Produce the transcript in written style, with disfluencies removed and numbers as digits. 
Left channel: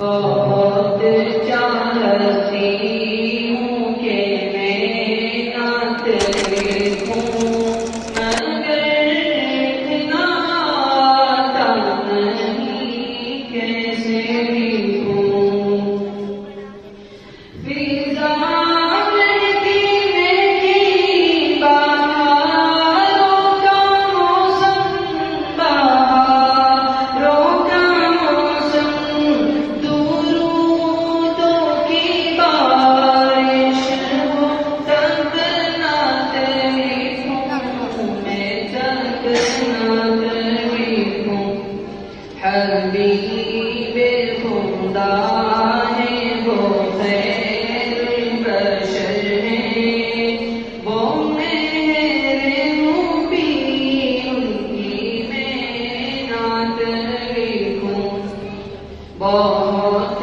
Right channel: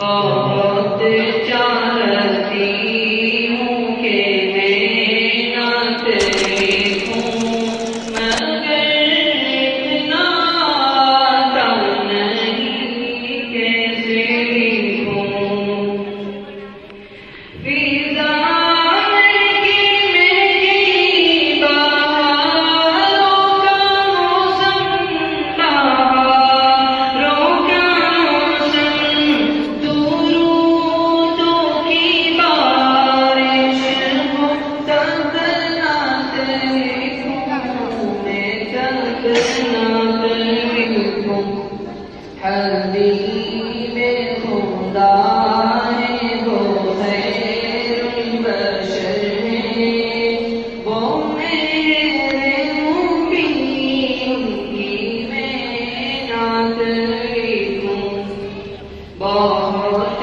बहुत चाहती हूँ कि मैं नात लिखूं, मगर इतना आता नहीं, कैसे लिखूं। हबीबे खुदा है वो खैरुल बशर है, वो मेरे नबी उनकी मैं नात लिखूं। बहुत